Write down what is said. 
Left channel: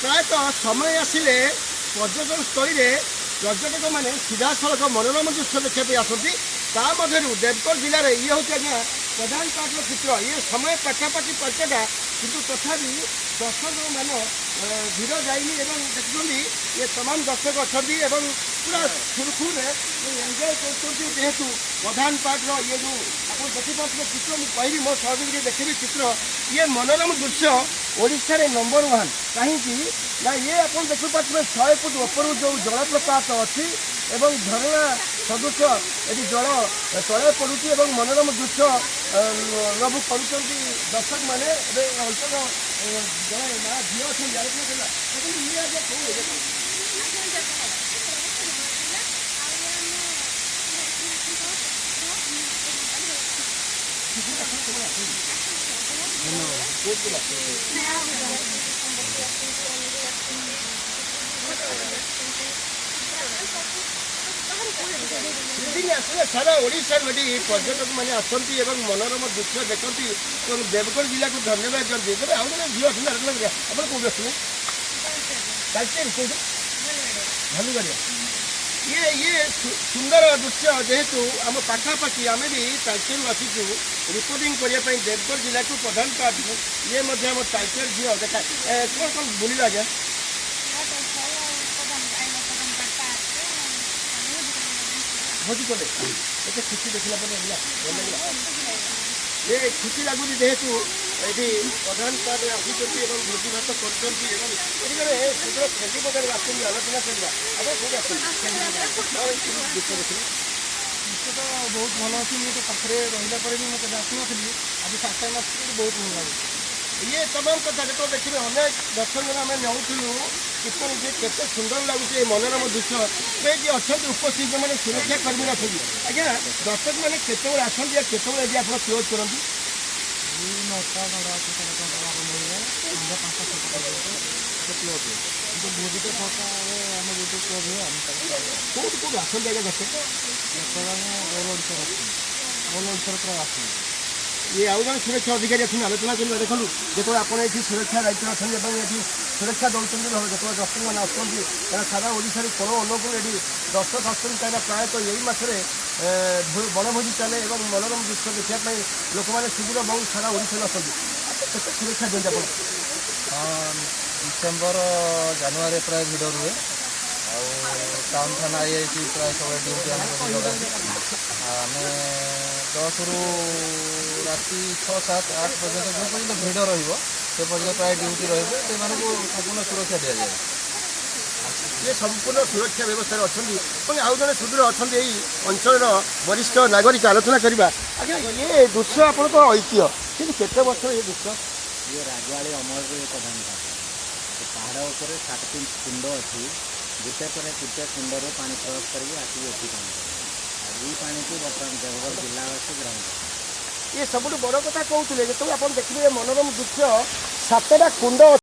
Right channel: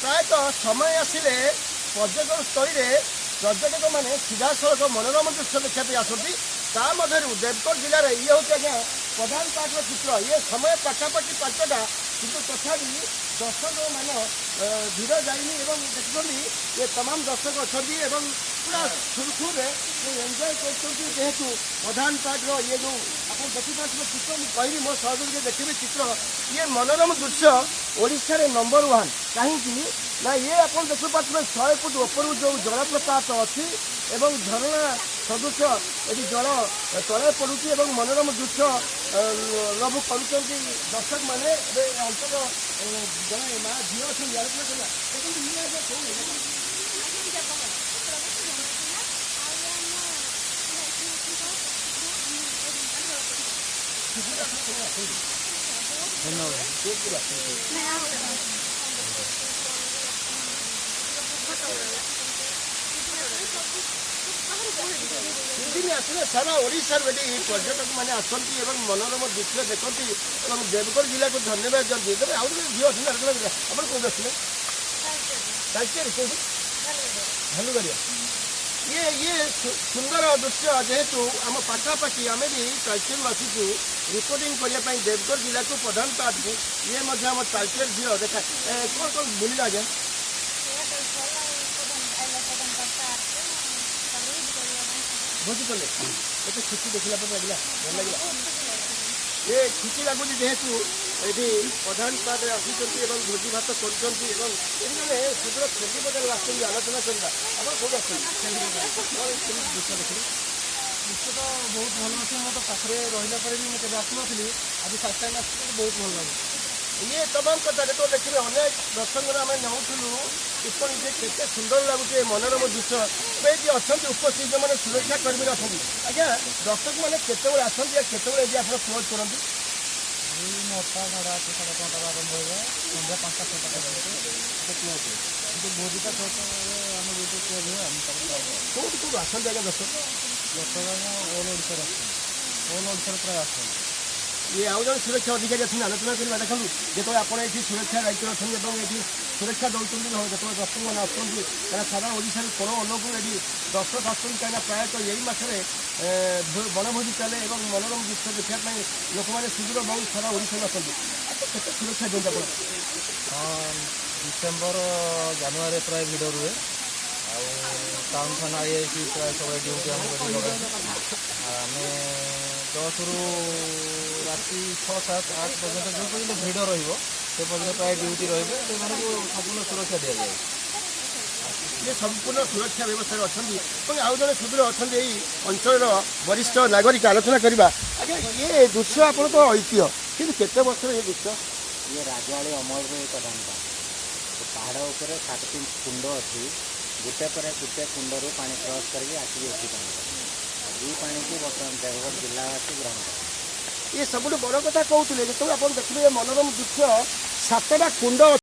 प्रायतः समय आसिले पर्यटन स्थल पर्यटक मैंने सीधा सड़क मनोरम दृश्य देखा आसती मध्य देवगढ़ जिले में ये हूँ आज्ञा प्रधान पार्टर चित्र ये समय पाखापाखि 5टा किंतु तथापि दर्शक मान भीड़ जाइनी देखुं ये तमाम दर्शक अच्छा पूरा सुरखुर एंजय करेतु प्रधान पार्टर ये जो आप देखिए चित्र मुझे कहबी मो सहयोगी देखिए चित्र ये मनोरम दृश्य ओडिशा नंबर 1 कहीं ना ये आप देखिए 100 फुट ऊपर जो जलप्रपात अच्छी एवं झरना सदृश ये जल तले पड़ुची मनोरम दृश्य अनुभव कर दर्शक मैंने अंतर जड़े माँ झील अच्छी आलोचना आसले सारा ओडिशा पर्यटक मैंने आसती मनोरम दृश्य देखती देवगढ़ जिला को धन्यवाद करती आउ जन झील अच्छे आप कौन आसले भालुगड़िया ये सुंदर दृश्य जेहेतु आम पाखापाखि आम भी तालचेर आसीचु रिपोर्टिंग करने देवगढ़ जिला को प्रधान पार्ट ये आम तालचेर झील देखा कौन कौन बुलिल आज्ञा भोजी कले एत खुशी देखला ये खुशी लगुच जेहेतु ये प्रधान पार्ट आसी भोजी भात कर शीघ्र खेली बजार आसती आलोचना करवा आप कौन दृश्य तो बहुत भल अच्छी मुझे पाखे रहा भी मुझे आसनी आज फास्ट टाइम आस बहुत भल लगे ये तमाम कथा देखो देखिए अनेक दर्शक आम नौलु केते सुंदर लगुचे मनोरम दृश्य ये अच्छा उपस्थित जो मैंने सुरक्षा कर्मी अच्छे आज्ञा दर्शक मैंने केत आसती केत आप क्लोज करती 9टा 9:30 आरंभ हो जाए संध्या 5टा 6टा क्लोज है भोजिटा 6टा आम गोटे क्लोज है कौट कौट आसती आज्ञा दर्शक ऑल ओडिशा प्राय आसती ये आउ जन सुरक्षा अधिकारी अच्छे आलोचना करवा देखो जो आप सुरक्षा दायित्व अच्छे ये सुरक्षा दौरान जो दर्शक मैंने आसती सारा ओडिशा कोण अनुकूल ये दर्शक आसती कहीं प्रायतः यही मसरे बनभोजी चले और मनोरम दृश्य देखापी लोक मैंने सुदूर बहुत सारा ओडिशा आसती केते सुरक्षा दिखते आप हाँ डिसेम्बर जानुरी प्राय भिड़ रुए टाउन थाना आई प्राय सब ड्यूटी आम 10 ରୁ राति 6, 7, 8 पर्यंत जो पर्यटन भिड़ से पर्यटन प्राय ड्यूटी से संपूर्ण सुरक्षा दि जाए ये संपूर्ण सुरक्षा व्यवस्था अच्छा आउ जड़े सुदूर अच्छा यही अंचल वरिष्ठ नागरिक आलोचना करवा आज्ञा ये दृश्य आप ऐतिह्य कि केते वर्ष ये दृश्य ये राजवाड़ी अमल प्रधान पहाड़ उपर 7टी कुंड अच्छी गोटे पर गोटे कुंडर पानी क्रॉस करके आसिक एटी पानी ये पानी की बर्तमान देवगढ़ जिलावासी ग्रहण कर ये सब बड़ कथा कहते जो आप देखिए मनोरम दृश्य 7टा कुंड